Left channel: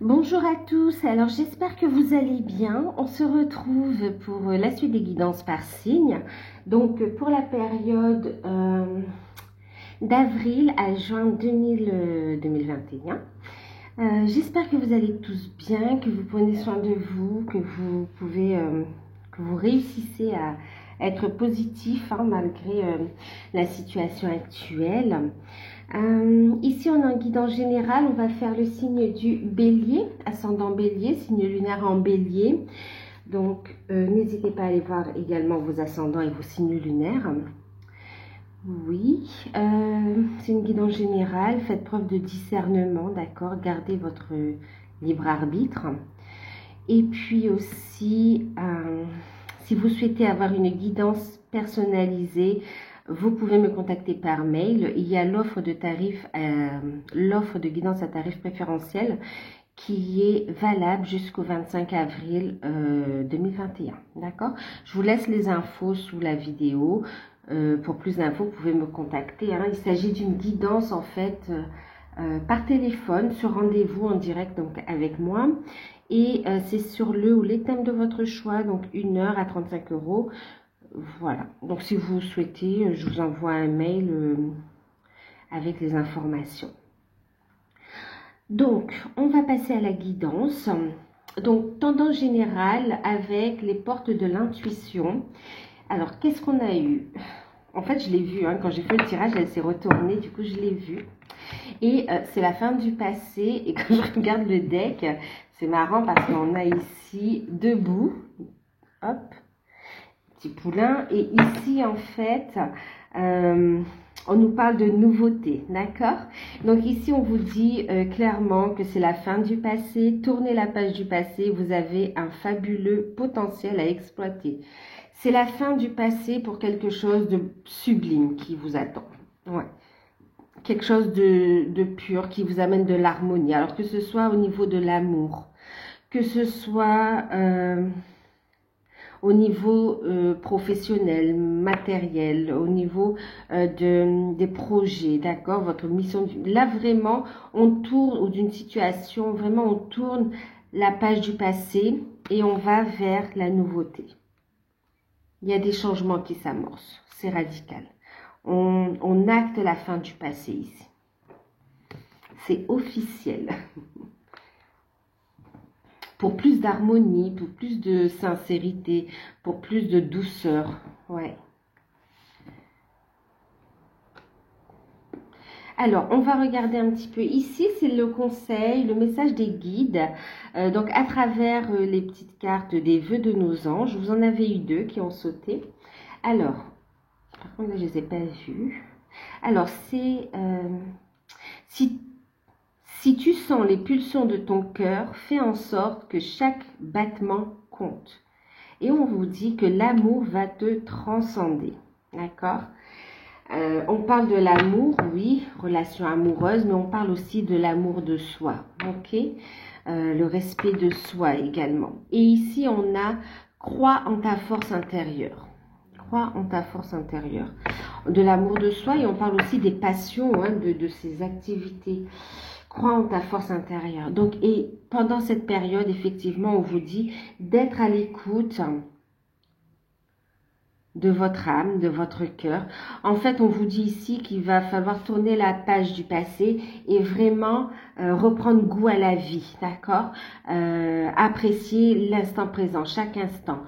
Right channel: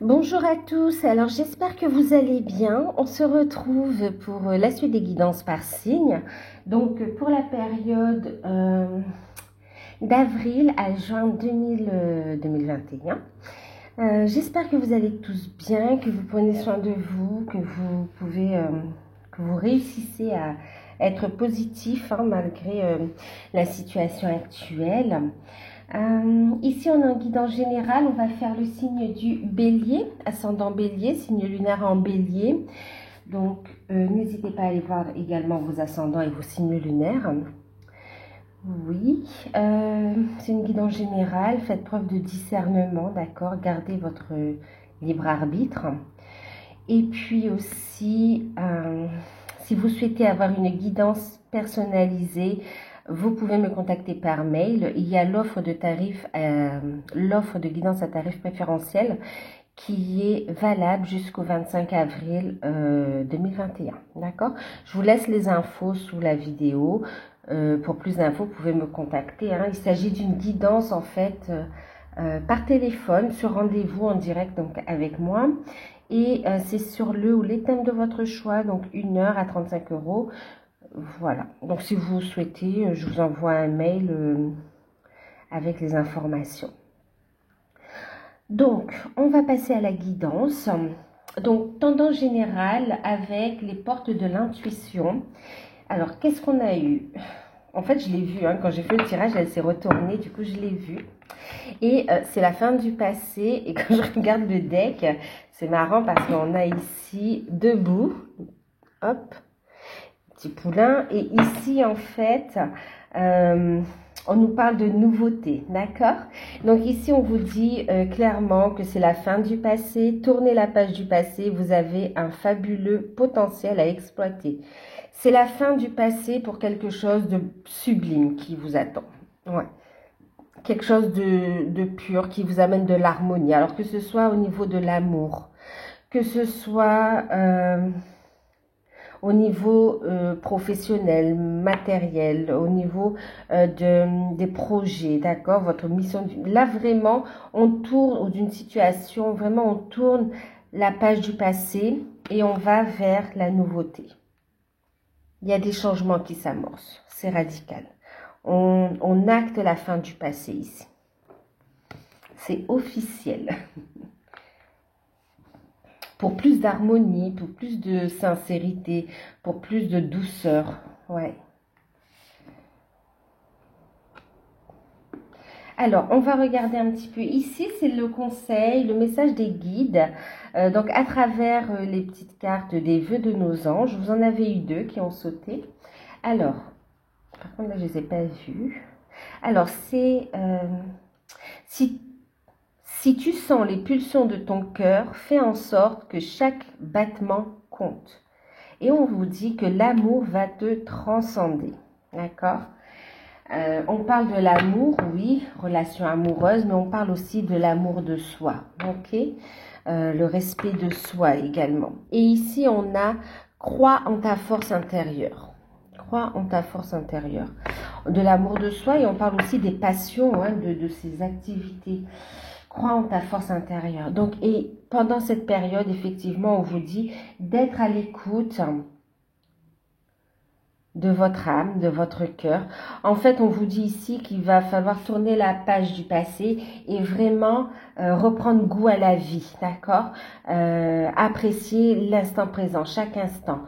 Bonjour à tous, alors j'espère que vous allez bien. On se retrouve pour la suite des guidances par signe. Donc pour la période d'avril à juin 2021. J'espère que vous allez tous bien, que vous prenez soin de vous, que vous pouvez, que vous réussissez à être positif malgré la situation actuelle. Ici, on a un guidance général. On va faire le signe du bélier, ascendant bélier, signe lunaire en bélier. Donc, n'hésitez pas à aller voir également vos ascendants et vos signes lunaires. Oui, c'est une guidance générale. Faites preuve de discernement, d'accord? Gardez votre libre arbitre. Et puis aussi, si vous souhaitez avoir une guidance personnalisée, vous pouvez me contacter par mail. Il y a l'offre de guidance à tarif préférentiel qui est valable jusqu'au 25 avril 2021. D'accord? Je vous laisse les infos sous la vidéo. Pour plus d'infos, vous pouvez me contacter. Il s'agit d'une guidance en fait par téléphone, sur rendez-vous en direct donc avec moi. Et c'est sur le ou les thèmes de votre choix, donc 1 heure à 35 €. Voilà, donc si vous souhaitez, je vous envoie un mail avec les informations. Donc, on va passer à la guidance. Donc, tendance générale avec les portes de l'intuition. Alors, qu'est-ce qu'on a eu? En fait, je l'ai vu, quand j'ai fait le tirage, elle s'est retournée, du coup, je l'ai vu. Et c'est la fin du passé, et quand je regarde le deck, c'est marrant parce qu'on a ici debout, hop, petit poulain, et ici, en fait, on nous parle de nouveauté, d'accord? Donc ici, on vous dit clairement que c'est la fin du passé. Tournez la page du passé, vous avez un fabuleux potentiel à exploiter. C'est la fin du passé pour quelque chose de sublime qui vous attend. Ouais. Quelque chose de pur qui vous amène de l'harmonie. Alors que ce soit au niveau de l'amour, que ce soit au niveau professionnel, matériel, au niveau des projets, d'accord, votre mission. Là, vraiment, on tourne, ou d'une situation, vraiment, on tourne la page du passé et on va vers la nouveauté. Il y a des changements qui s'amorcent, c'est radical. On acte la fin du passé ici. C'est officiel. Pour plus d'harmonie, pour plus de sincérité, pour plus de douceur. Ouais. Alors, on va regarder un petit peu. Ici, c'est le conseil, le message des guides. Donc, à travers les petites cartes des vœux de nos anges, vous en avez eu 2 qui ont sauté. Alors, par contre, là, je ne les ai pas vus. Alors, c'est... Si tu sens les pulsions de ton cœur, fais en sorte que chaque battement compte. Et on vous dit que l'amour va te transcender. D'accord? On parle de l'amour, oui, relation amoureuse, mais on parle aussi de l'amour de soi. Ok? Le respect de soi également. Et ici, on a crois en ta force intérieure. Crois en ta force intérieure. De l'amour de soi, et on parle aussi des passions, de ces activités. Crois en ta force intérieure. Donc, et pendant cette période, effectivement, on vous dit d'être à l'écoute de votre âme, de votre cœur. En fait, on vous dit ici qu'il va falloir tourner la page du passé et vraiment reprendre goût à la vie, d'accord? Apprécier l'instant présent, chaque instant.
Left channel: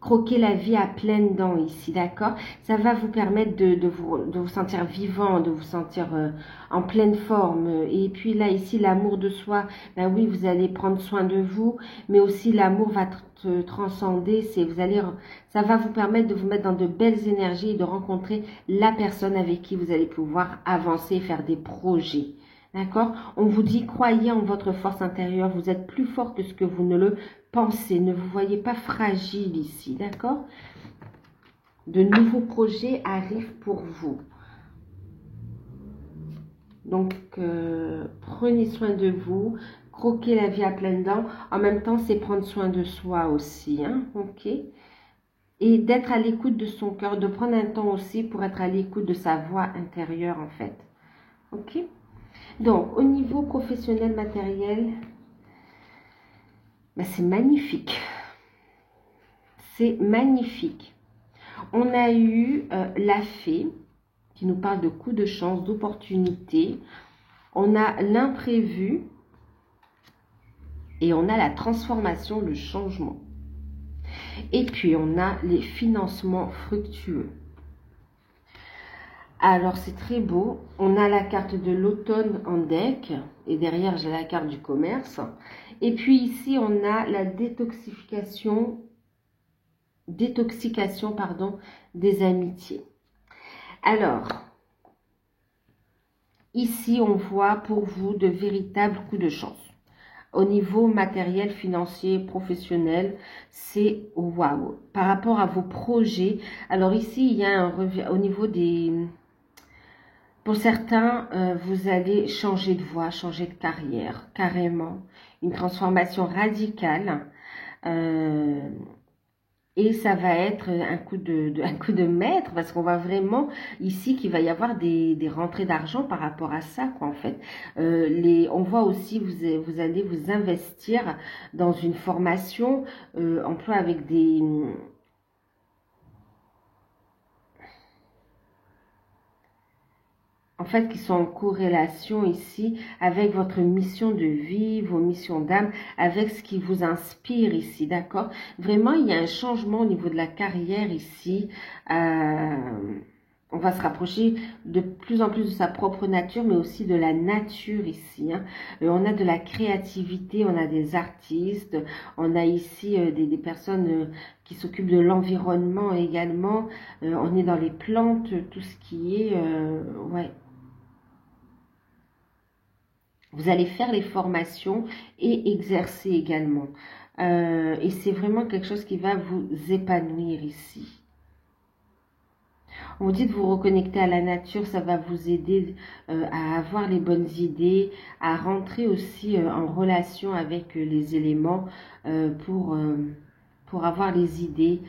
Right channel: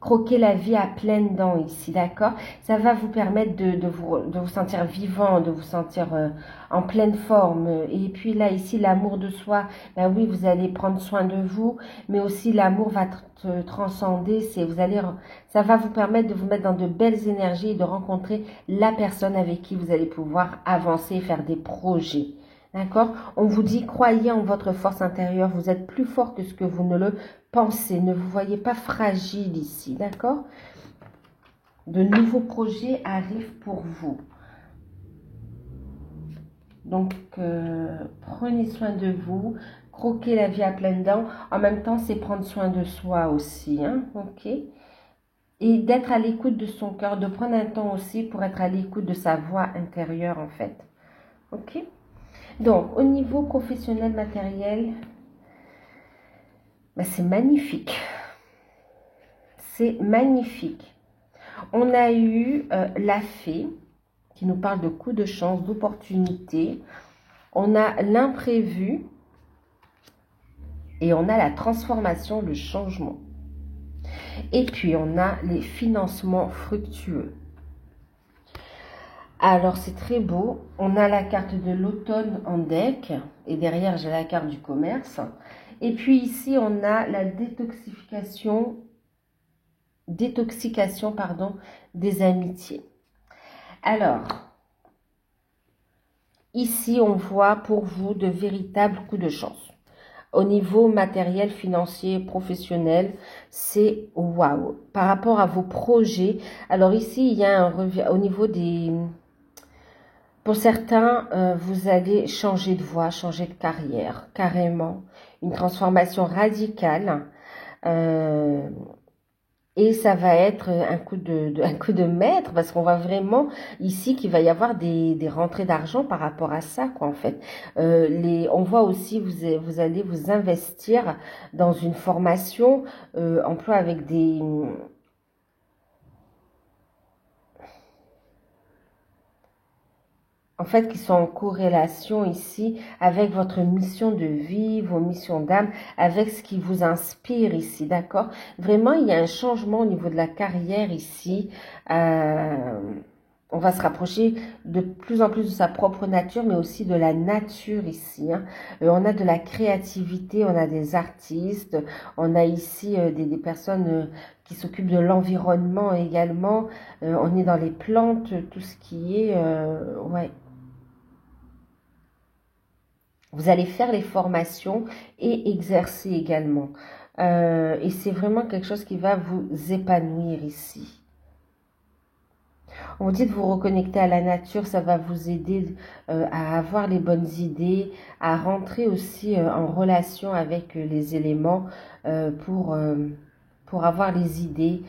Croquer la vie à pleines dents ici, d'accord? Ça va vous permettre de vous sentir vivant, de vous sentir en pleine forme. Et puis là, ici, l'amour de soi, ben oui, vous allez prendre soin de vous, mais aussi l'amour va te transcender. Ça va vous permettre de vous mettre dans de belles énergies et de rencontrer la personne avec qui vous allez pouvoir avancer et faire des projets. D'accord? On vous dit, croyez en votre force intérieure, vous êtes plus fort que ce que vous ne le pensez. Ne vous voyez pas fragile ici, d'accord? De nouveaux projets arrivent pour vous. Donc, prenez soin de vous, croquez la vie à pleines dents. En même temps, c'est prendre soin de soi aussi, ok? Et d'être à l'écoute de son cœur, de prendre un temps aussi pour être à l'écoute de sa voix intérieure, en fait. Ok? Donc, au niveau professionnel, matériel, ben, c'est magnifique. C'est magnifique. On a eu la fée qui nous parle de coups de chance, d'opportunités. On a l'imprévu et on a la transformation, le changement. Et puis, on a les financements fructueux. Alors, c'est très beau. On a la carte de l'automne en deck. Et derrière, j'ai la carte du commerce. Et puis ici, on a la détoxication, pardon, des amitiés. Alors, ici, on voit pour vous de véritables coups de chance. Au niveau matériel, financier, professionnel, c'est waouh. Par rapport à vos projets, alors ici, il y a un revers au niveau des... Pour certains, vous allez changer de voie, changer de carrière, carrément. Une transformation radicale. Et ça va être un coup de maître, parce qu'on va vraiment, ici, qu'il va y avoir des rentrées d'argent par rapport à ça, quoi, en fait. On voit aussi, vous allez vous investir dans une formation, emploi avec des... En fait, qui sont en corrélation ici avec votre mission de vie, vos missions d'âme, avec ce qui vous inspire ici, d'accord? Vraiment, il y a un changement au niveau de la carrière ici. On va se rapprocher de plus en plus de sa propre nature, mais aussi de la nature ici. Hein. On a de la créativité, on a des artistes, on a ici des personnes qui s'occupent de l'environnement également. On est dans les plantes, tout ce qui est... ouais. Vous allez faire les formations et exercer également. Et c'est vraiment quelque chose qui va vous épanouir ici. On dit de vous reconnecter à la nature, ça va vous aider à avoir les bonnes idées, à rentrer aussi en relation avec les éléments pour avoir les idées,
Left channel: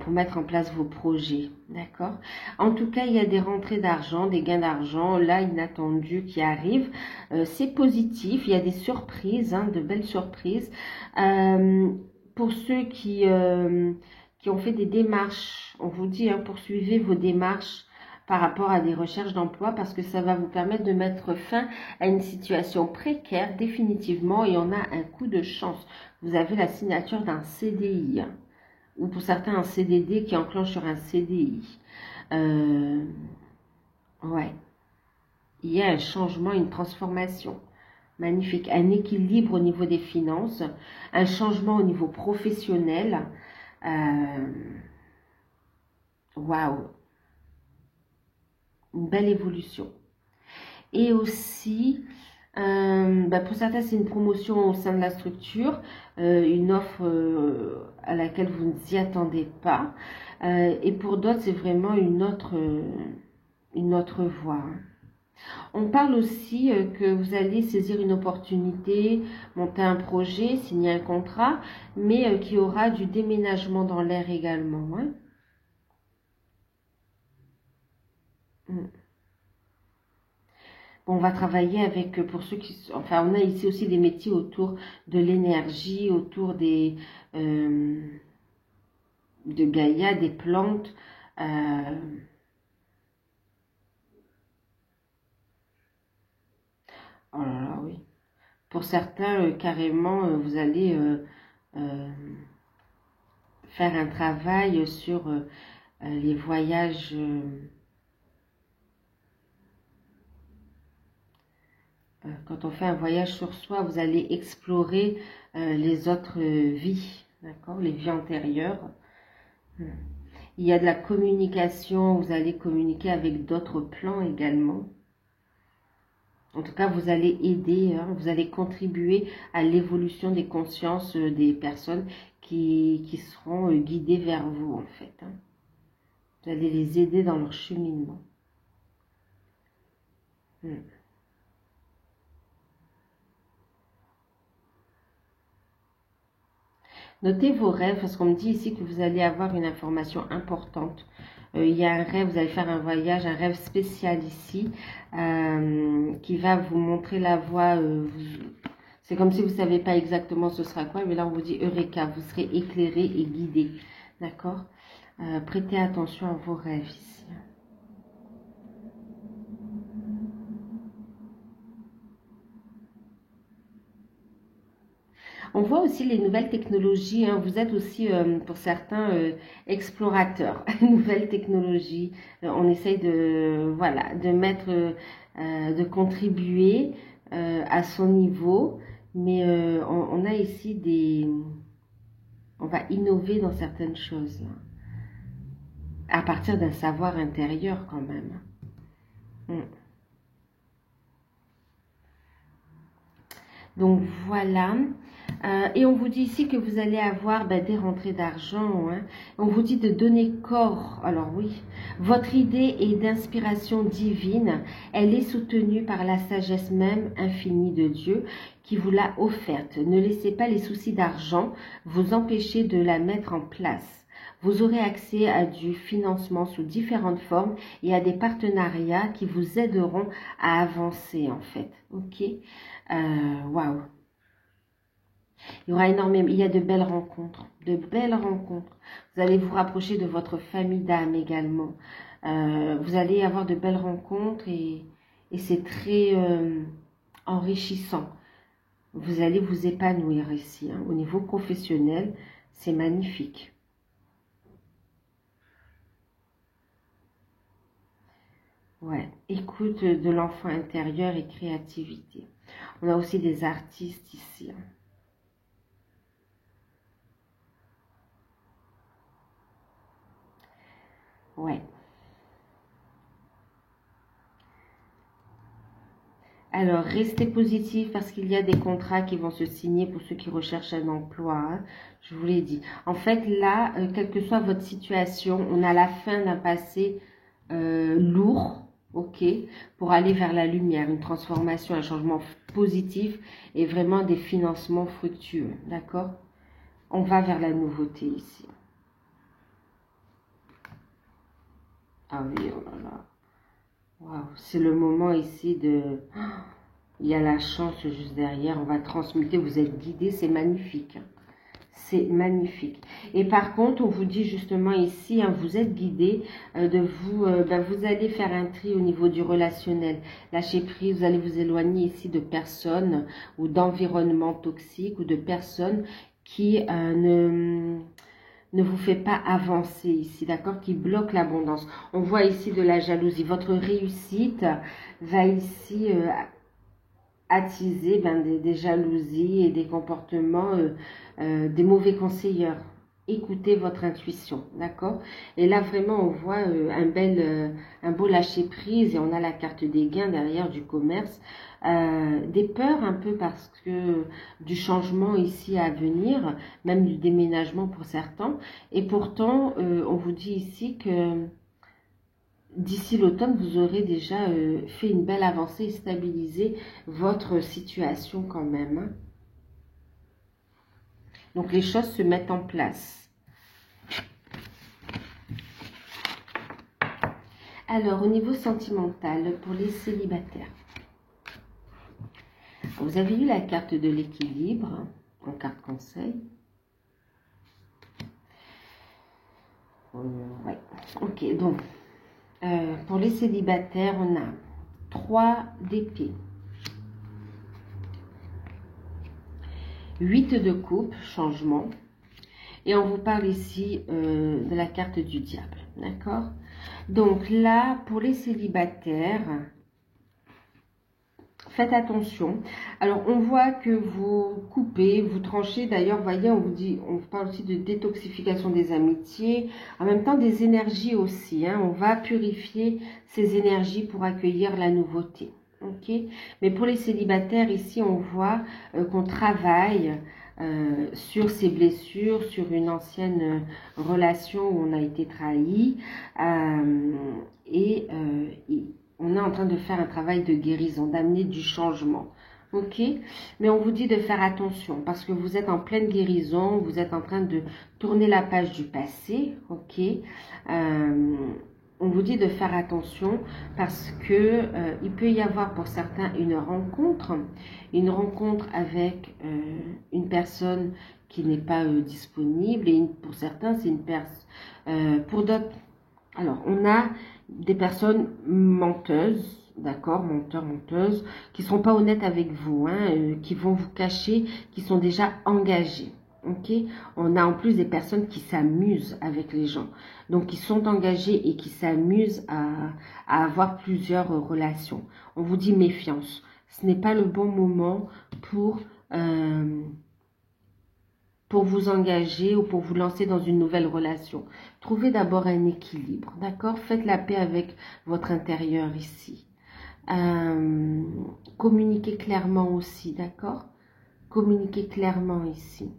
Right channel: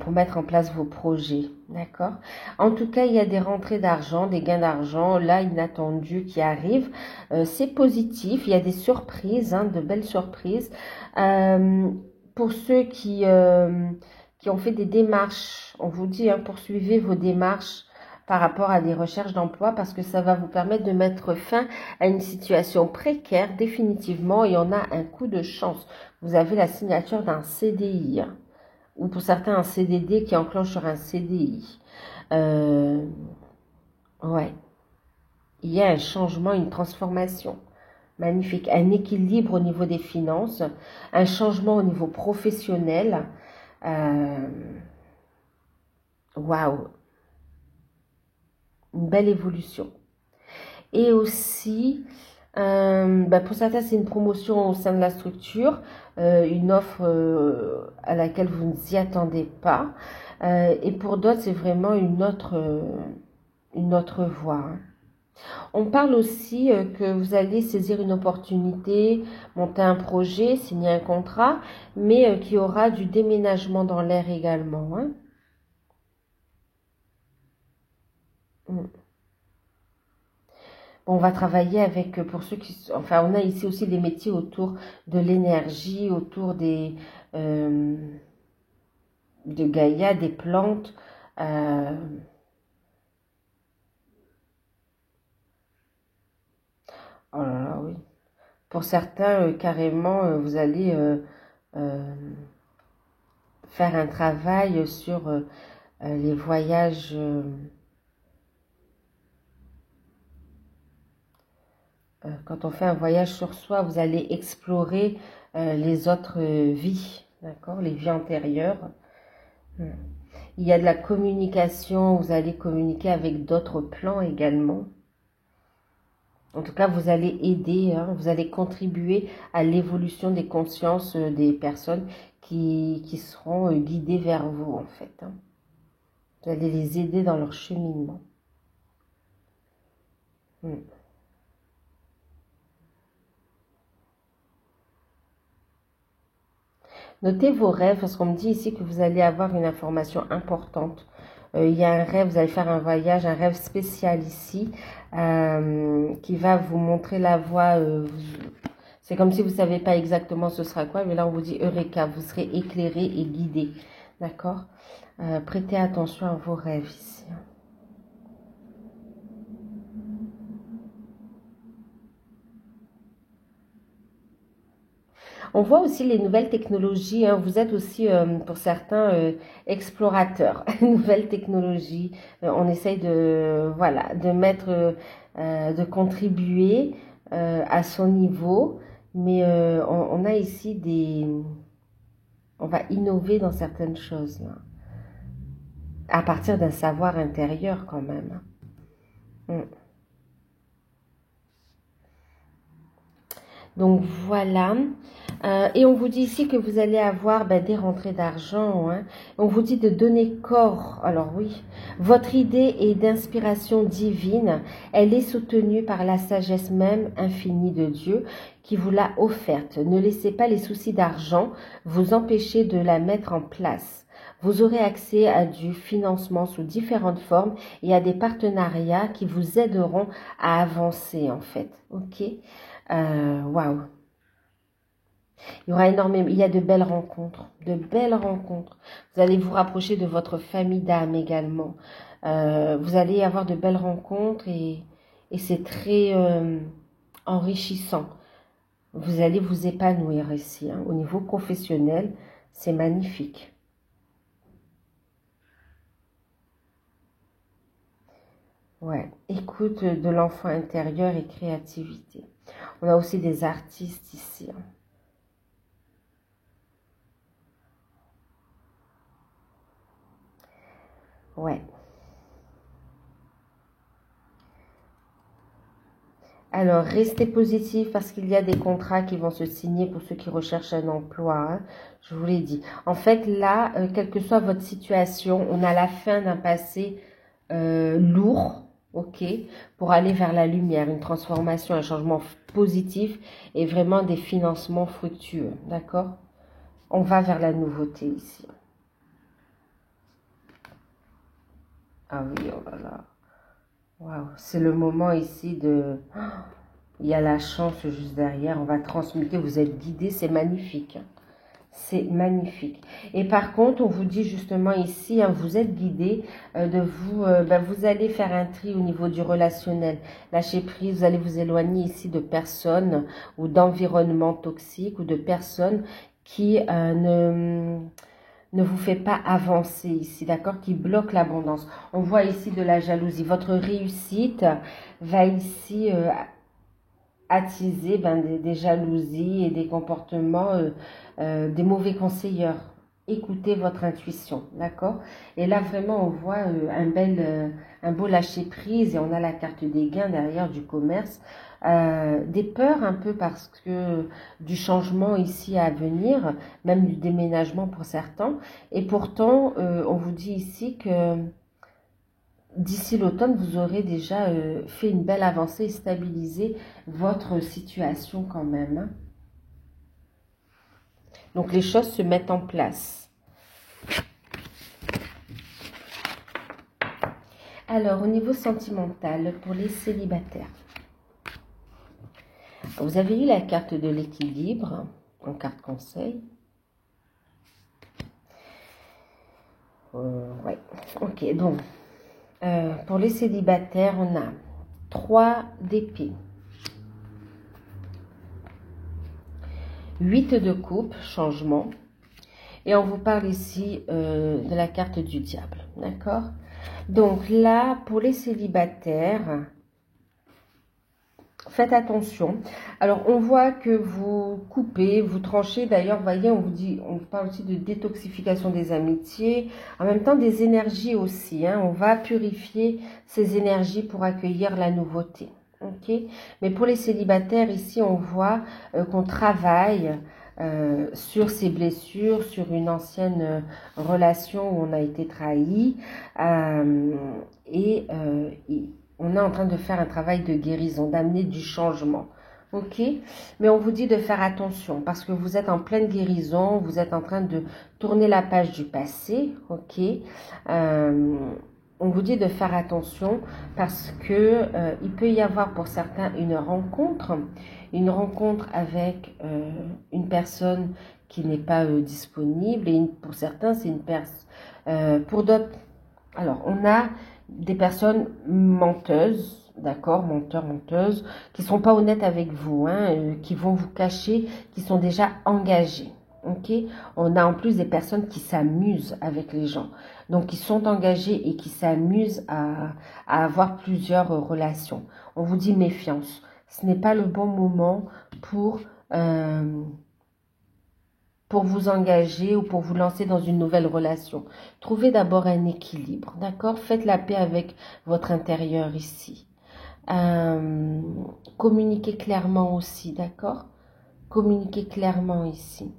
pour mettre en place vos projets, d'accord? En tout cas, il y a des rentrées d'argent, des gains d'argent, là, inattendus qui arrivent. C'est positif, il y a des surprises, hein, de belles surprises. Pour ceux qui ont fait des démarches, on vous dit, hein, poursuivez vos démarches par rapport à des recherches d'emploi parce que ça va vous permettre de mettre fin à une situation précaire définitivement et on a un coup de chance. Vous avez la signature d'un CDI. Hein, ou pour certains un CDD qui enclenche sur un CDI. Ouais. Il y a un changement, une transformation. Magnifique. Un équilibre au niveau des finances, un changement au niveau professionnel. Waouh. Une belle évolution. Et aussi, pour certains, c'est une promotion au sein de la structure, une offre à laquelle vous ne vous y attendez pas. Et pour d'autres, c'est vraiment une autre voie. Hein. On parle aussi que vous allez saisir une opportunité, monter un projet, signer un contrat, mais qu'il y aura du déménagement dans l'air également. Hein. On va travailler avec, pour ceux qui... Enfin, on a ici aussi des métiers autour de l'énergie, autour des... de Gaïa, des plantes. Oh là là, oui. Pour certains, carrément, vous allez faire un travail sur les voyages... quand on fait un voyage sur soi, vous allez explorer les autres vies, d'accord, les vies antérieures. Il y a de la communication, vous allez communiquer avec d'autres plans également. En tout cas, vous allez aider, hein, vous allez contribuer à l'évolution des consciences des personnes qui seront guidées vers vous, en fait. Hein. Vous allez les aider dans leur cheminement. Notez vos rêves, parce qu'on me dit ici que vous allez avoir une information importante. Il y a un rêve, vous allez faire un voyage, un rêve spécial ici, qui va vous montrer la voie. C'est comme si vous ne savez pas exactement ce sera quoi. Mais là, on vous dit Eureka, vous serez éclairé et guidé. D'accord? Prêtez attention à vos rêves ici. On voit aussi les nouvelles technologies. Hein. Vous êtes aussi, pour certains, explorateurs. Nouvelles technologies. On essaye de, voilà, de mettre, de contribuer à son niveau. Mais on a ici des... On va innover dans certaines choses. Là, à partir d'un savoir intérieur quand même. Donc voilà. Et on vous dit ici que vous allez avoir des rentrées d'argent. Hein. On vous dit de donner corps. Alors oui, votre idée est d'inspiration divine. Elle est soutenue par la sagesse même infinie de Dieu qui vous l'a offerte. Ne laissez pas les soucis d'argent vous empêcher de la mettre en place. Vous aurez accès à du financement sous différentes formes et à des partenariats qui vous aideront à avancer en fait. Ok. Waouh. Il y aura énormément, il y a de belles rencontres, de belles rencontres. Vous allez vous rapprocher de votre famille d'âme également. Vous allez avoir de belles rencontres et c'est très enrichissant. Vous allez vous épanouir ici. Hein. Au niveau professionnel, c'est magnifique. Ouais, écoute de l'enfant intérieur et créativité. On a aussi des artistes ici. Hein. Ouais. Alors, restez positif parce qu'il y a des contrats qui vont se signer pour ceux qui recherchent un emploi. Hein. Je vous l'ai dit. En fait, là, quelle que soit votre situation, on a la fin d'un passé lourd, ok, pour aller vers la lumière, une transformation, un changement positif et vraiment des financements fructueux, d'accord? On va vers la nouveauté ici. Ah oui, oh là là. Waouh, c'est le moment ici de... Il y a la chance juste derrière, on va transmuter, vous êtes guidé, c'est magnifique. C'est magnifique. Et par contre, on vous dit justement ici, hein, vous êtes guidé de vous, vous allez faire un tri au niveau du relationnel. Lâcher prise, vous allez vous éloigner ici de personnes ou d'environnements toxiques ou de personnes qui ne vous fait pas avancer ici, d'accord, qui bloque l'abondance. On voit ici de la jalousie. Votre réussite va ici attiser des jalousies et des comportements, des mauvais conseilleurs. Écoutez votre intuition, d'accord? Et là, vraiment, on voit un beau lâcher-prise et on a la carte des gains derrière du commerce. Des peurs un peu parce que du changement ici à venir, même du déménagement pour certains. Et pourtant, on vous dit ici que d'ici l'automne, vous aurez déjà fait une belle avancée et stabilisé votre situation quand même. Hein. Donc, les choses se mettent en place. Alors, au niveau sentimental, pour les célibataires, vous avez eu la carte de l'équilibre en carte conseil. Ouais, ok, donc, pour les célibataires, on a 3 d'épée, 8 de coupe, changement. Et on vous parle ici de la carte du diable, d'accord? Donc là, pour les célibataires, faites attention. Alors, on voit que vous coupez, vous tranchez. D'ailleurs, voyez, on parle aussi de détoxification des amitiés. En même temps, des énergies aussi. Hein. On va purifier ces énergies pour accueillir la nouveauté. Ok. Mais pour les célibataires, ici, on voit qu'on travaille sur ces blessures, sur une ancienne relation où on a été trahi. Et on est en train de faire un travail de guérison, d'amener du changement. Ok? Mais on vous dit de faire attention parce que vous êtes en pleine guérison, vous êtes en train de tourner la page du passé. Ok? on vous dit de faire attention parce que il peut y avoir pour certains une rencontre avec une personne qui n'est pas disponible, et pour certains c'est une personne, pour d'autres, alors on a des personnes menteuses, d'accord, menteurs, menteuses, qui ne sont pas honnêtes avec vous, hein, qui vont vous cacher, qui sont déjà engagés. Ok, on a en plus des personnes qui s'amusent avec les gens, donc qui sont engagés et qui s'amusent à avoir plusieurs relations. On vous dit méfiance. Ce n'est pas le bon moment pour vous engager ou pour vous lancer dans une nouvelle relation. Trouvez d'abord un équilibre, d'accord? Faites la paix avec votre intérieur ici. Communiquez clairement aussi, d'accord? Communiquez clairement ici.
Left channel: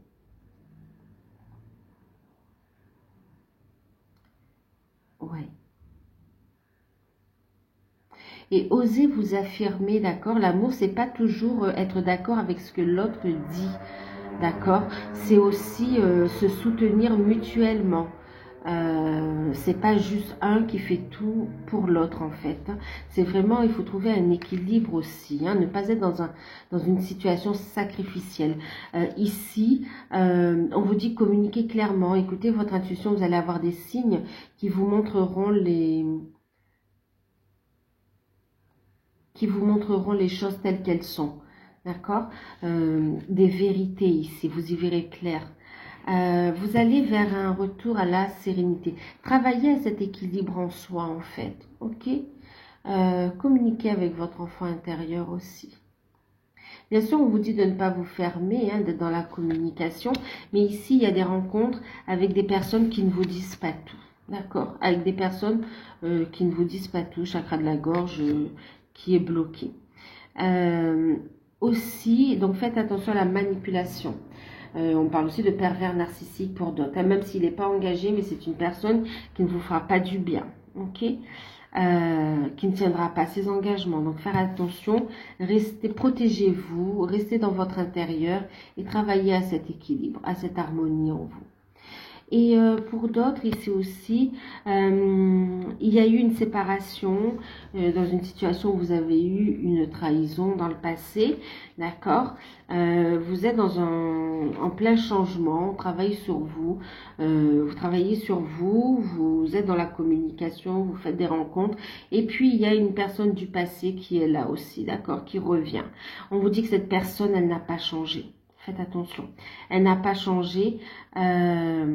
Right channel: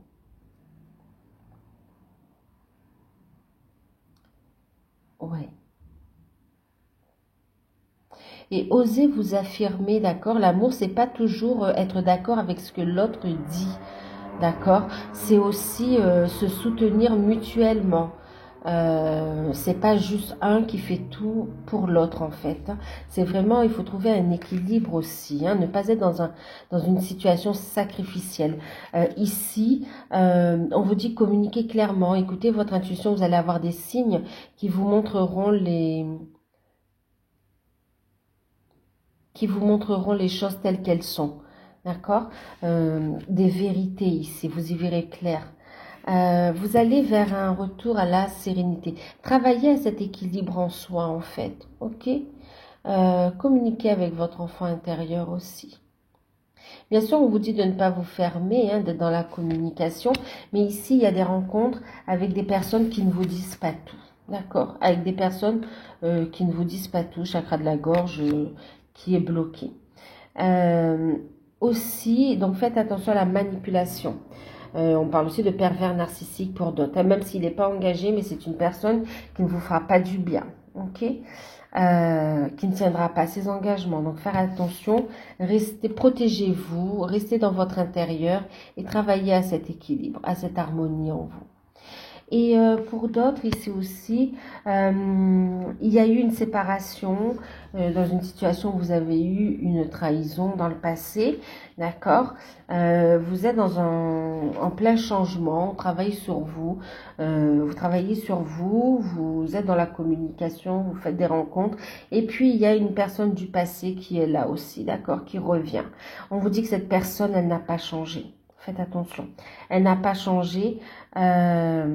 Ouais. Et osez vous affirmer, d'accord? L'amour, c'est pas toujours être d'accord avec ce que l'autre dit, d'accord? C'est aussi se soutenir mutuellement. C'est pas juste un qui fait tout pour l'autre en fait. C'est vraiment, il faut trouver un équilibre aussi, hein, ne pas être dans une situation sacrificielle. Ici, on vous dit communiquer clairement, écoutez votre intuition, vous allez avoir des signes qui vous montreront les choses telles qu'elles sont, d'accord? Des vérités ici, vous y verrez clair. Vous allez vers un retour à la sérénité. Travaillez à cet équilibre en soi, en fait, ok? Communiquez avec votre enfant intérieur aussi. Bien sûr, on vous dit de ne pas vous fermer, hein, d'être dans la communication, mais ici, il y a des rencontres avec des personnes qui ne vous disent pas tout, d'accord? Avec des personnes qui ne vous disent pas tout, chakra de la gorge qui est bloqué. Aussi, donc faites attention à la manipulation. On parle aussi de pervers narcissique pour d'autres, même s'il n'est pas engagé, mais c'est une personne qui ne vous fera pas du bien, ok? Qui ne tiendra pas ses engagements. Donc faire attention, restez, protégez-vous, restez dans votre intérieur et travaillez à cet équilibre, à cette harmonie en vous. Et pour d'autres, ici aussi, il y a eu une séparation dans une situation où vous avez eu une trahison dans le passé, d'accord? Vous êtes en plein changement, travaillez sur vous, vous travaillez sur vous, vous êtes dans la communication, vous faites des rencontres, et puis il y a une personne du passé qui est là aussi, d'accord? Qui revient. On vous dit que cette personne, elle n'a pas changé. Faites attention. Elle n'a pas changé. Ouais,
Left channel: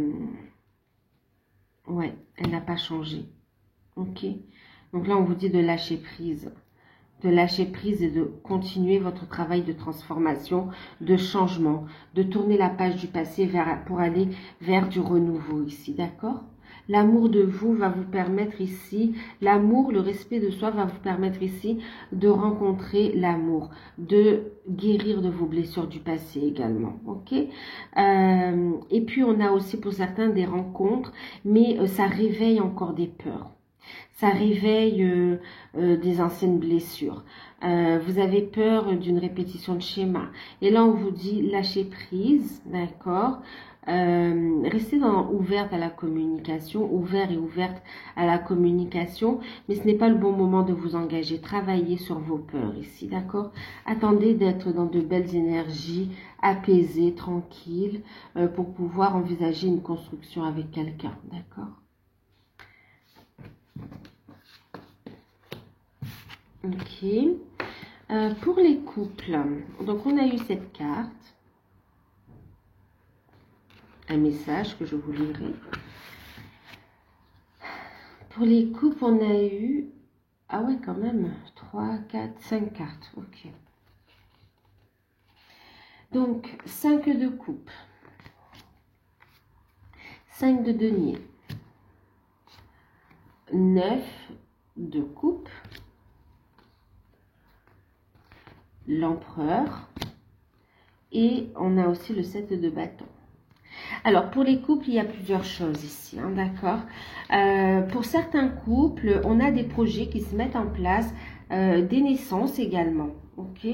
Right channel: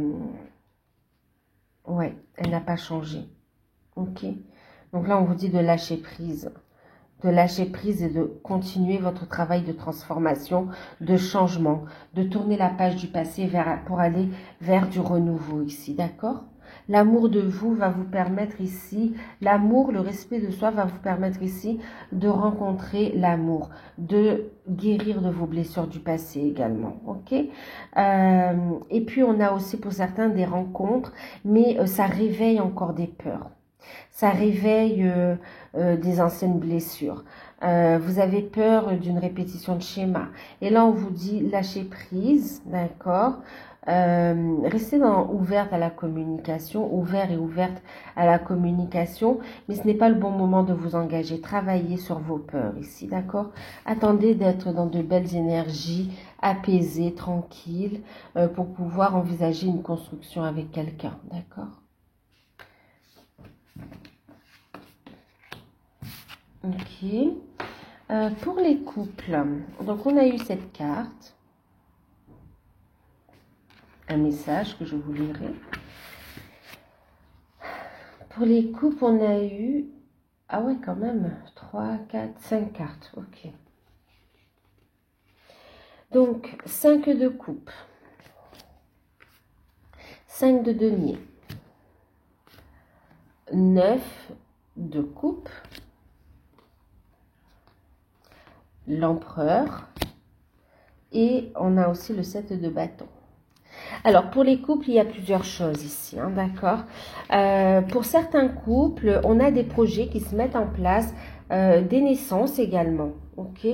elle n'a pas changé. Ok. Donc là, on vous dit de lâcher prise. De lâcher prise et de continuer votre travail de transformation, de changement, de tourner la page du passé pour aller vers du renouveau ici. D'accord? L'amour de vous va vous permettre ici, l'amour, le respect de soi va vous permettre ici de rencontrer l'amour, de guérir de vos blessures du passé également, ok? Et puis on a aussi pour certains des rencontres, mais ça réveille encore des peurs, ça réveille des anciennes blessures. Vous avez peur d'une répétition de schéma. Et là, on vous dit lâcher prise, d'accord? Restez ouverte à la communication, ouvert et ouverte à la communication, mais ce n'est pas le bon moment de vous engager. Travaillez sur vos peurs ici, d'accord? Attendez d'être dans de belles énergies, apaisées, tranquilles, pour pouvoir envisager une construction avec quelqu'un, d'accord? Ok. Pour les couples, donc on a eu cette carte. Un message que je vous lirai. Pour les couples, on a eu... Ah ouais, quand même. 3, 4, 5 cartes. Ok. Donc, 5 de coupe. 5 de denier. 9 de coupe. L'empereur. Et on a aussi le 7 de bâton. Alors, pour les couples, il y a plusieurs choses ici, hein, d'accord? Pour certains couples, on a des projets qui se mettent en place, des naissances également, ok?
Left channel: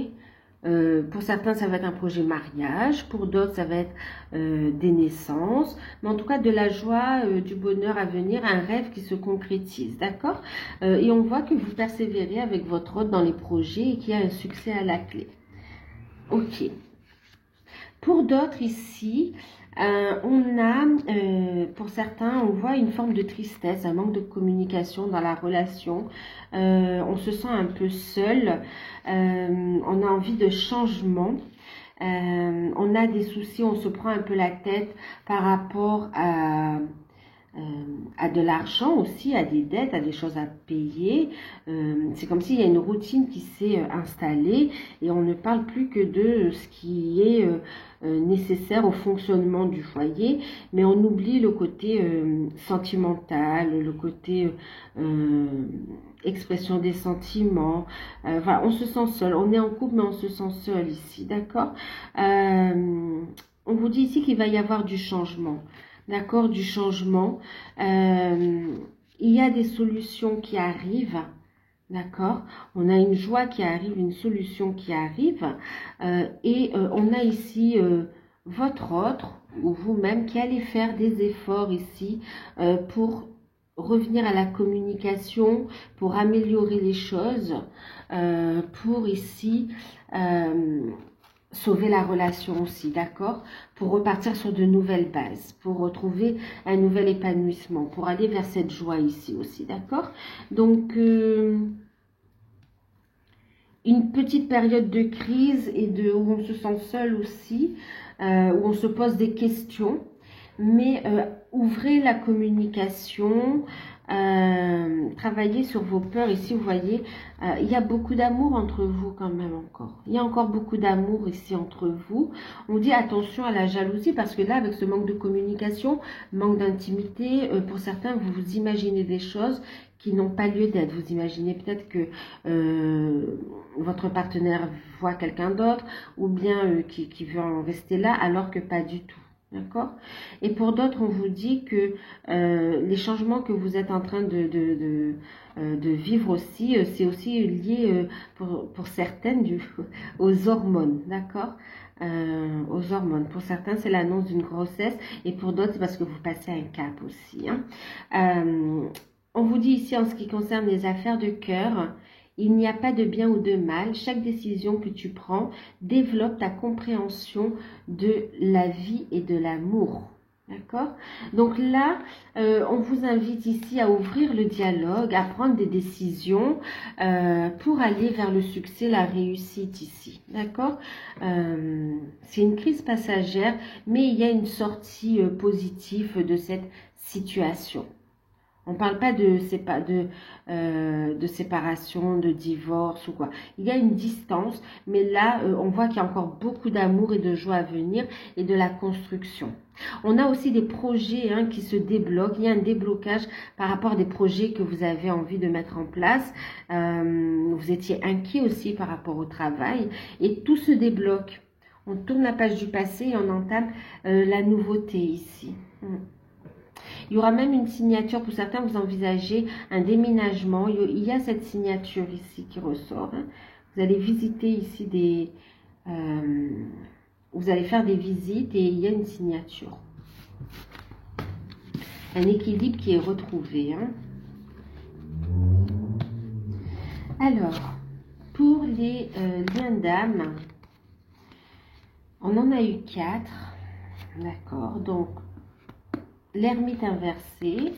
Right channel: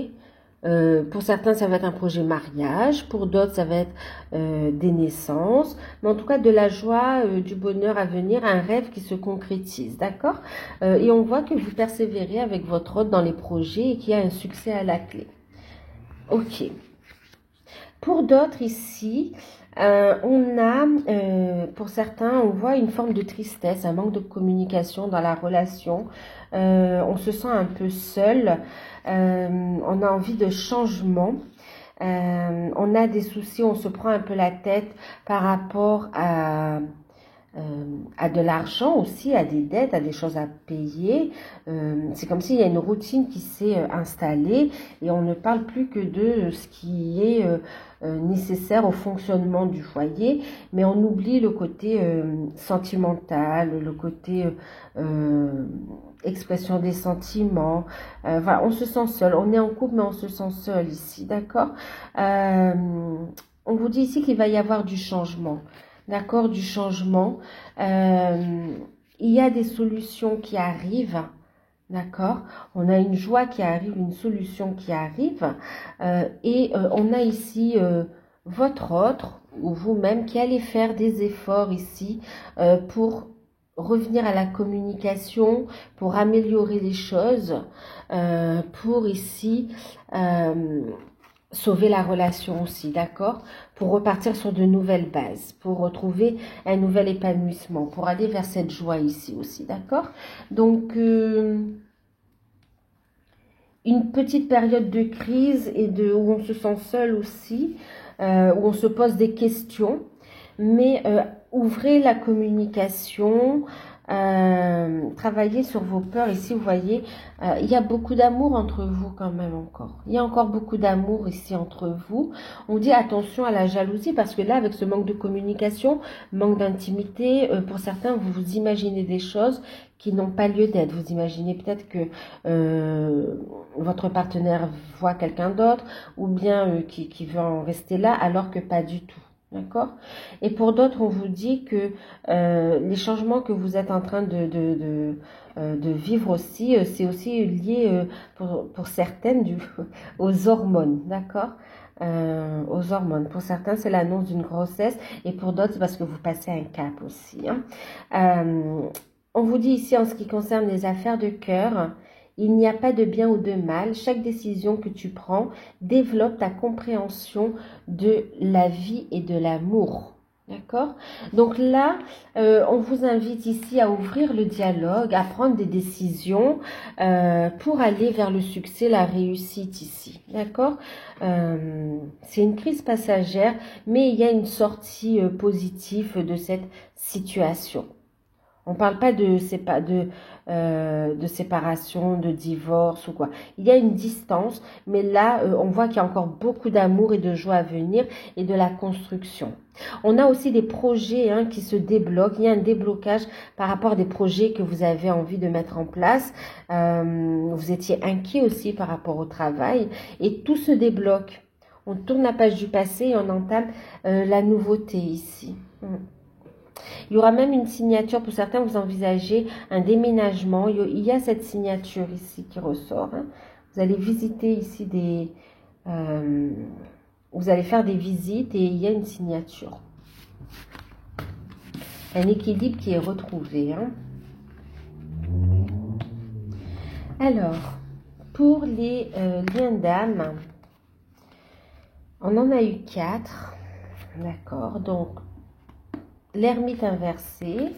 Pour certains, ça va être un projet mariage, pour d'autres, ça va être des naissances, mais en tout cas de la joie, du bonheur à venir, un rêve qui se concrétise, d'accord? Et on voit que vous persévérez avec votre hôte dans les projets et qu'il y a un succès à la clé. Ok. Pour d'autres ici, on a, pour certains, on voit une forme de tristesse, un manque de communication dans la relation. On se sent un peu seul. On a envie de changement. On a des soucis, on se prend un peu la tête par rapport à de l'argent aussi, à des dettes, à des choses à payer. C'est comme s'il y a une routine qui s'est installée et on ne parle plus que de ce qui est nécessaire au fonctionnement du foyer, mais on oublie le côté sentimental, le côté expression des sentiments. Voilà, on se sent seul. On est en couple, mais on se sent seul ici, d'accord? On vous dit ici qu'il va y avoir du changement. D'accord, du changement. Il y a des solutions qui arrivent, d'accord. On a une joie qui arrive, une solution qui arrive. On a ici votre autre ou vous-même qui allez faire des efforts ici pour revenir à la communication, pour améliorer les choses, pour ici sauver la relation aussi, d'accord? Pour repartir sur de nouvelles bases, pour retrouver un nouvel épanouissement, pour aller vers cette joie ici aussi, d'accord? Donc, une petite période de crise et où on se sent seul aussi, où on se pose des questions, mais ouvrez la communication, travaillez sur vos peurs. Ici, vous voyez, il y a beaucoup d'amour entre vous quand même encore. Il y a encore beaucoup d'amour ici entre vous. On dit attention à la jalousie parce que là, avec ce manque de communication, manque d'intimité, pour certains, vous vous imaginez des choses qui n'ont pas lieu d'être. Vous imaginez peut-être que votre partenaire voit quelqu'un d'autre ou bien qui veut en rester là alors que pas du tout. D'accord? Et pour d'autres, on vous dit que les changements que vous êtes en train de vivre aussi, c'est aussi lié pour certaines aux hormones, d'accord? Aux hormones. Pour certains, c'est l'annonce d'une grossesse et pour d'autres, c'est parce que vous passez un cap aussi. Hein. On vous dit ici, en ce qui concerne les affaires de cœur, il n'y a pas de bien ou de mal. Chaque décision que tu prends développe ta compréhension de la vie et de l'amour. D'accord? Donc là, on vous invite ici à ouvrir le dialogue, à prendre des décisions pour aller vers le succès, la réussite ici. D'accord? C'est une crise passagère, mais il y a une sortie positive de cette situation. On ne parle pas de séparation, de divorce ou quoi. Il y a une distance, mais là, on voit qu'il y a encore beaucoup d'amour et de joie à venir et de la construction. On a aussi des projets qui se débloquent. Il y a un déblocage par rapport à des projets que vous avez envie de mettre en place. Vous étiez inquiet aussi par rapport au travail et tout se débloque. On tourne la page du passé et on entame la nouveauté ici. Il y aura même une signature, pour certains vous envisagez un déménagement, il y a cette signature ici qui ressort. Hein. Vous allez visiter ici vous allez faire des visites et il y a une signature. Un équilibre qui est retrouvé. Hein. Alors, pour les liens d'âme, on en a eu 4. D'accord, donc l'ermite inversé,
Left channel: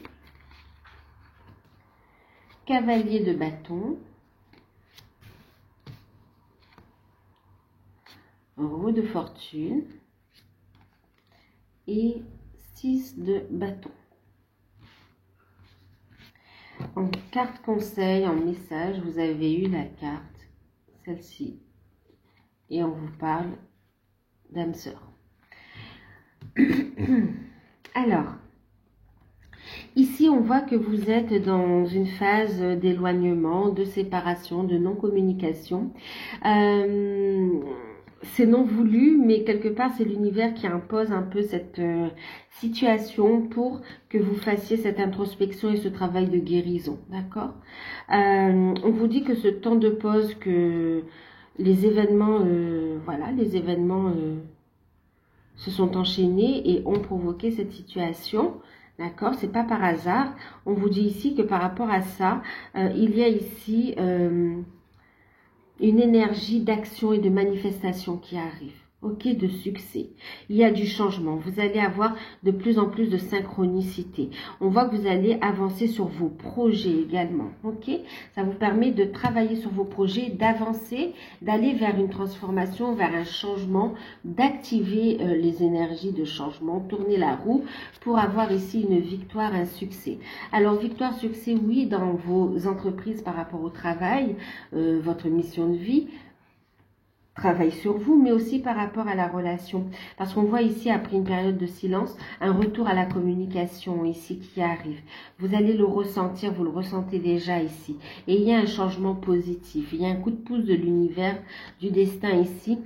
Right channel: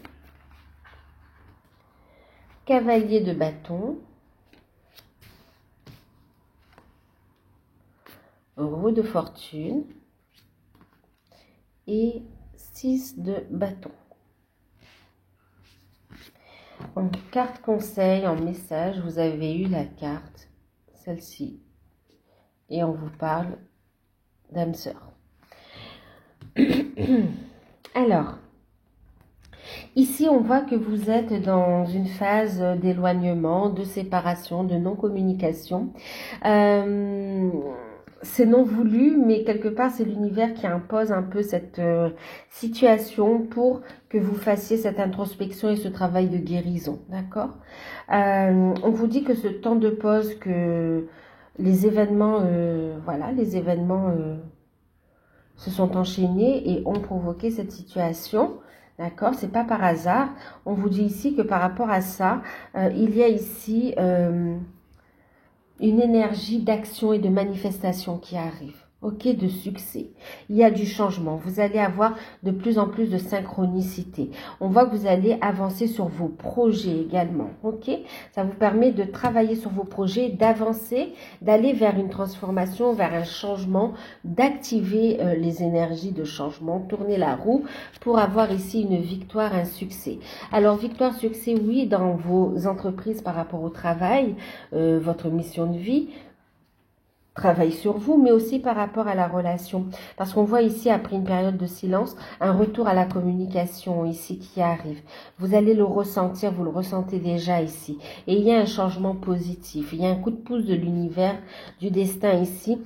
cavalier de bâton, roue de fortune et 6 de bâton. En carte conseil, en message, vous avez eu la carte, celle-ci, et on vous parle d'âme sœur. Alors, ici, on voit que vous êtes dans une phase d'éloignement, de séparation, de non-communication. C'est non voulu, mais quelque part, c'est l'univers qui impose un peu cette situation pour que vous fassiez cette introspection et ce travail de guérison. D'accord? On vous dit que ce temps de pause les événements, voilà, les événements se sont enchaînés et ont provoqué cette situation. D'accord? C'est pas par hasard. On vous dit ici que par rapport à ça, il y a ici une énergie d'action et de manifestation qui arrive. Ok, de succès. Il y a du changement. Vous allez avoir de plus en plus de synchronicité. On voit que vous allez avancer sur vos projets également. Ok, ça vous permet de travailler sur vos projets, d'avancer, d'aller vers une transformation, vers un changement, d'activer les énergies de changement, tourner la roue pour avoir ici une victoire, un succès. Alors, victoire, succès, oui, dans vos entreprises par rapport au travail, votre mission de vie, travail sur vous, mais aussi par rapport à la relation. Parce qu'on voit ici, après une période de silence, un retour à la communication ici qui arrive. Vous allez le ressentir, vous le ressentez déjà ici. Et il y a un changement positif. Il y a un coup de pouce de l'univers, du destin ici,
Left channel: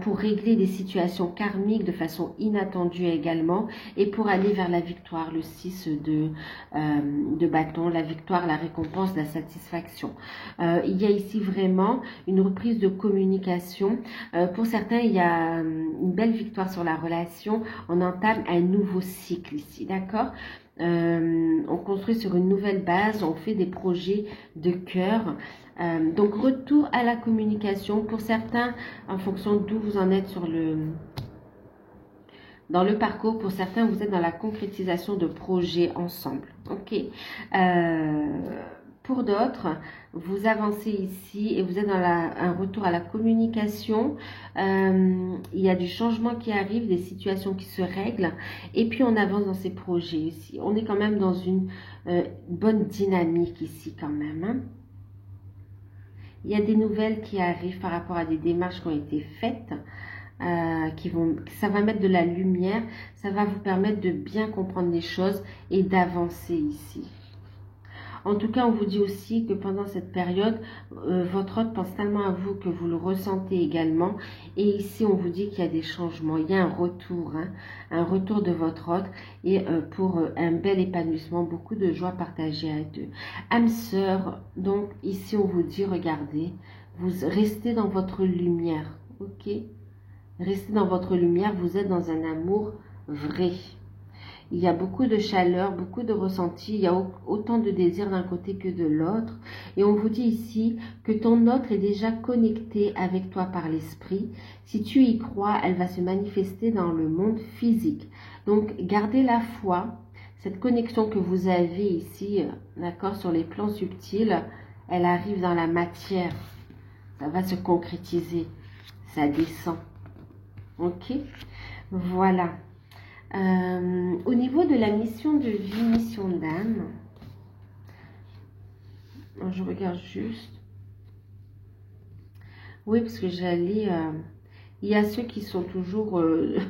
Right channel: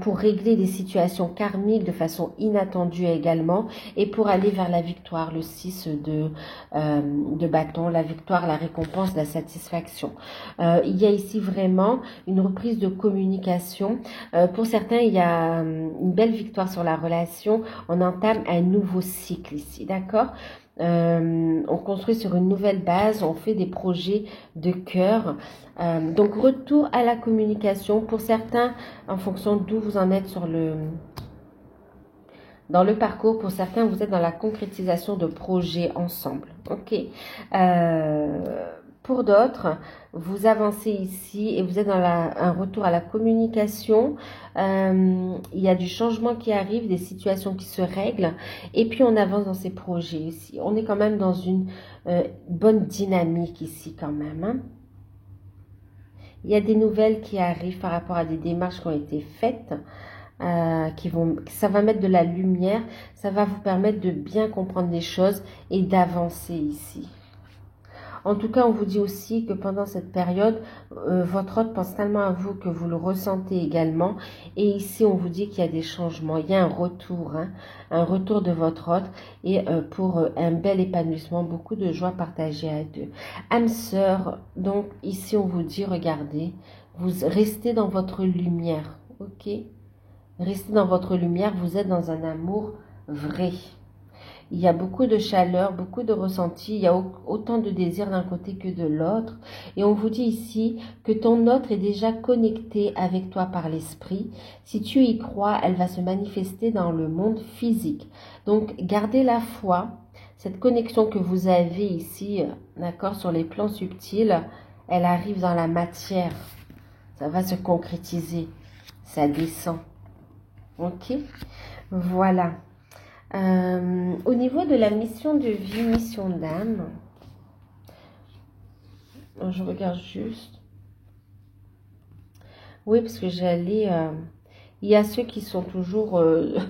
pour régler des situations karmiques de façon inattendue également, et pour aller vers la victoire, le 6 de bâton, la victoire, la récompense, la satisfaction. Il y a ici vraiment une reprise de communication. Pour certains, il y a une belle victoire sur la relation. On entame un nouveau cycle ici, d'accord? On construit sur une nouvelle base, on fait des projets de cœur. Donc, retour à la communication. Pour certains, en fonction d'où vous en êtes dans le parcours, pour certains, vous êtes dans la concrétisation de projets ensemble. Ok. Pour d'autres, vous avancez ici et vous êtes dans un retour à la communication. Il y a du changement qui arrive, des situations qui se règlent. Et puis, on avance dans ces projets ici. On est quand même dans une bonne dynamique ici quand même. Hein. Il y a des nouvelles qui arrivent par rapport à des démarches qui ont été faites. Ça va mettre de la lumière. Ça va vous permettre de bien comprendre les choses et d'avancer ici. En tout cas, on vous dit aussi que pendant cette période, votre hôte pense tellement à vous que vous le ressentez également. Et ici, on vous dit qu'il y a des changements. Il y a un retour, hein, un retour de votre hôte et pour un bel épanouissement, beaucoup de joie partagée à deux. Âme sœur, donc ici, on vous dit, regardez, vous restez dans votre lumière, ok? Restez dans votre lumière, vous êtes dans un amour vrai. Il y a beaucoup de chaleur, beaucoup de ressenti, il y a autant de désir d'un côté que de l'autre. Et on vous dit ici que ton autre est déjà connecté avec toi par l'esprit. Si tu y crois, elle va se manifester dans le monde physique. Donc, gardez la foi, cette connexion que vous avez ici, d'accord, sur les plans subtils, elle arrive dans la matière. Ça va se concrétiser, ça descend. Ok, voilà. Au niveau de la mission de vie, mission d'âme, je regarde juste. Oui, parce que j'allais... il y a ceux qui sont toujours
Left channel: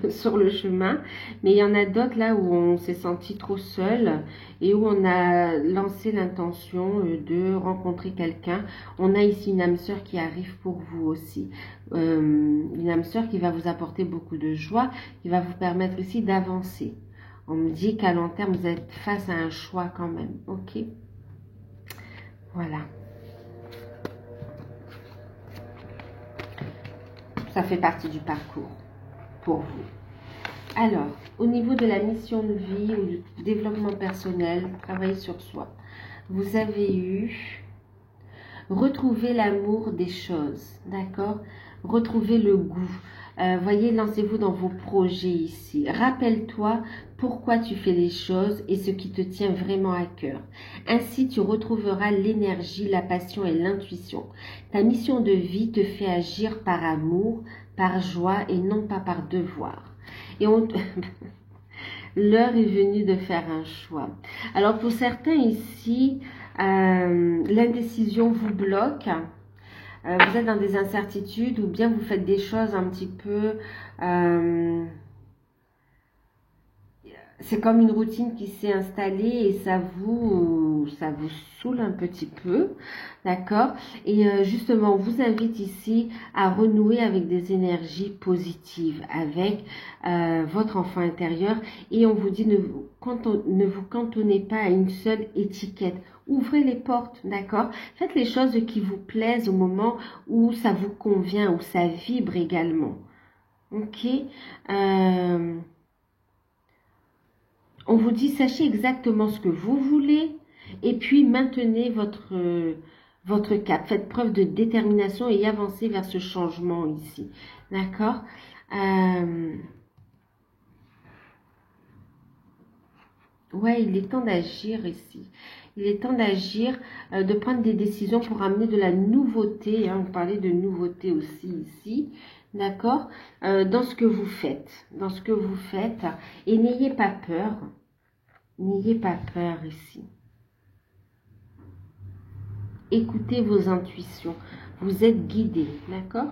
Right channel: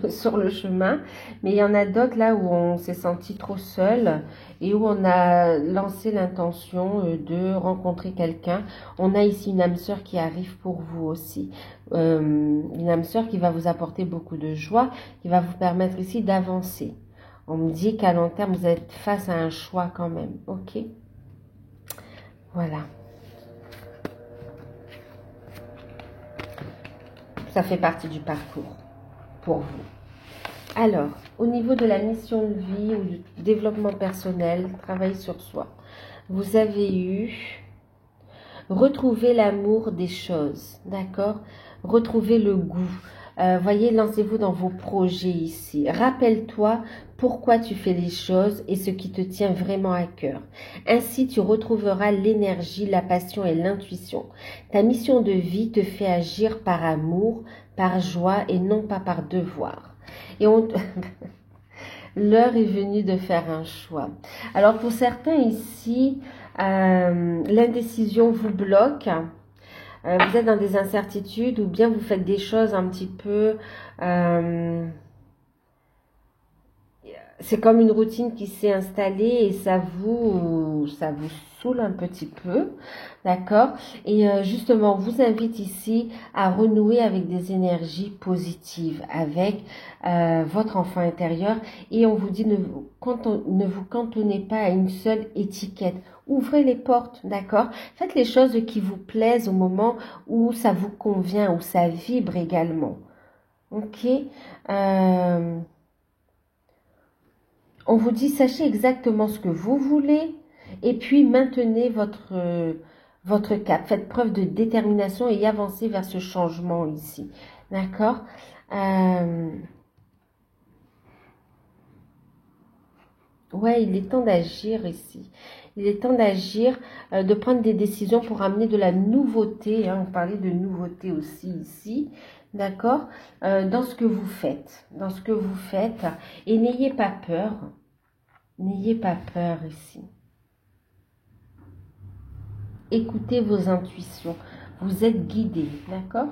sur le chemin, mais il y en a d'autres là où on s'est senti trop seul et où on a lancé l'intention de rencontrer quelqu'un. On a ici une âme sœur qui arrive pour vous aussi. Une âme sœur qui va vous apporter beaucoup de joie, qui va vous permettre ici d'avancer. On me dit qu'à long terme, vous êtes face à un choix quand même. Ok? Voilà. Ça fait partie du parcours pour vous. Alors, au niveau de la mission de vie ou du développement personnel, travail sur soi, vous avez eu retrouver l'amour des choses, d'accord? Retrouver le goût. Voyez, lancez-vous dans vos projets ici. Rappelle-toi pourquoi tu fais les choses et ce qui te tient vraiment à cœur. Ainsi, tu retrouveras l'énergie, la passion et l'intuition. Ta mission de vie te fait agir par amour, par joie et non pas par devoir. Et l'heure est venue de faire un choix. Alors, pour certains ici, l'indécision vous bloque. Vous êtes dans des incertitudes ou bien vous faites des choses un petit peu... c'est comme une routine qui s'est installée et ça vous saoule un petit peu, d'accord? Et justement, on vous invite ici à renouer avec des énergies positives, avec votre enfant intérieur. Et on vous dit, ne vous cantonnez pas à une seule étiquette Ouvrez les portes, d'accord? Faites les choses qui vous plaisent au moment où ça vous convient, où ça vibre également. Ok? On vous dit, sachez exactement ce que vous voulez et puis maintenez votre cap. Faites preuve de détermination et avancez vers ce changement ici. D'accord? Ouais, il est temps d'agir ici. Il est temps d'agir, de prendre des décisions pour amener de la nouveauté. Hein, on parlait de nouveauté aussi ici. D'accord? Dans ce que vous faites. Dans ce que vous faites. Et n'ayez pas peur. N'ayez pas peur ici. Écoutez vos intuitions. Vous êtes guidé. D'accord?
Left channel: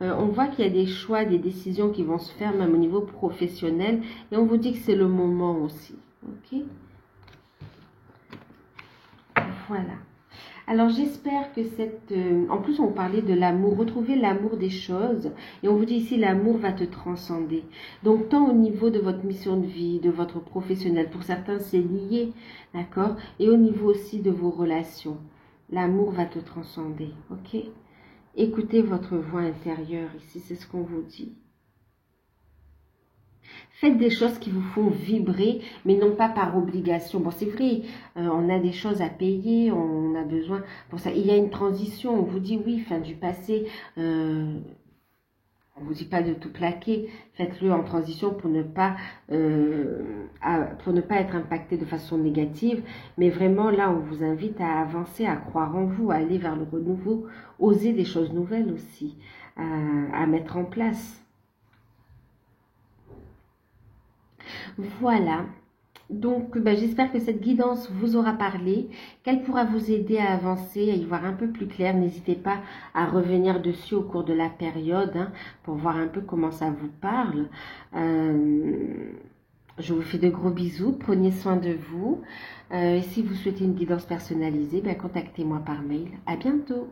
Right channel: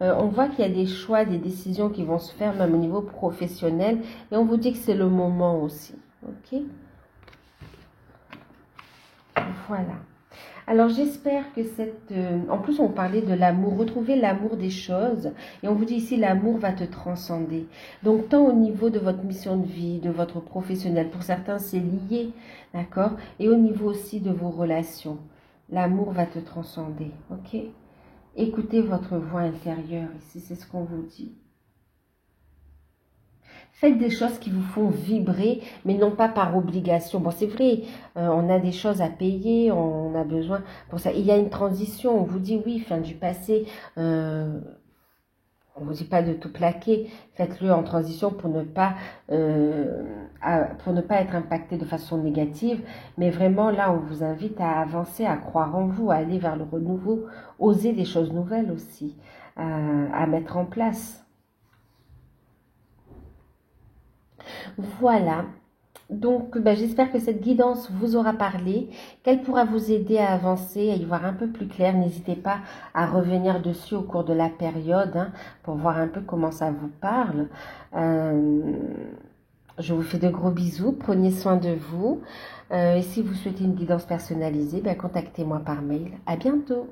On voit qu'il y a des choix, des décisions qui vont se faire même au niveau professionnel. Et on vous dit que c'est le moment aussi. Ok? Voilà. Alors j'espère que cette... en plus on parlait de l'amour, retrouver l'amour des choses. Et on vous dit ici, l'amour va te transcender. Donc tant au niveau de votre mission de vie, de votre professionnel, pour certains c'est lié, d'accord? Et au niveau aussi de vos relations. L'amour va te transcender, ok? Écoutez votre voix intérieure ici, c'est ce qu'on vous dit. Faites des choses qui vous font vibrer, mais non pas par obligation. Bon, c'est vrai, on a des choses à payer, on a besoin pour ça. Il y a une transition, on vous dit oui, fin du passé. On ne vous dit pas de tout plaquer. Faites-le en transition pour ne pas être impacté de façon négative. Mais vraiment, là, on vous invite à avancer, à croire en vous, à aller vers le renouveau, oser des choses nouvelles aussi, à mettre en place. Voilà, donc j'espère que cette guidance vous aura parlé, qu'elle pourra vous aider à avancer, à y voir un peu plus clair. N'hésitez pas à revenir dessus au cours de la période hein, pour voir un peu comment ça vous parle. Je vous fais de gros bisous, prenez soin de vous. Si vous souhaitez une guidance personnalisée, contactez-moi par mail. À bientôt.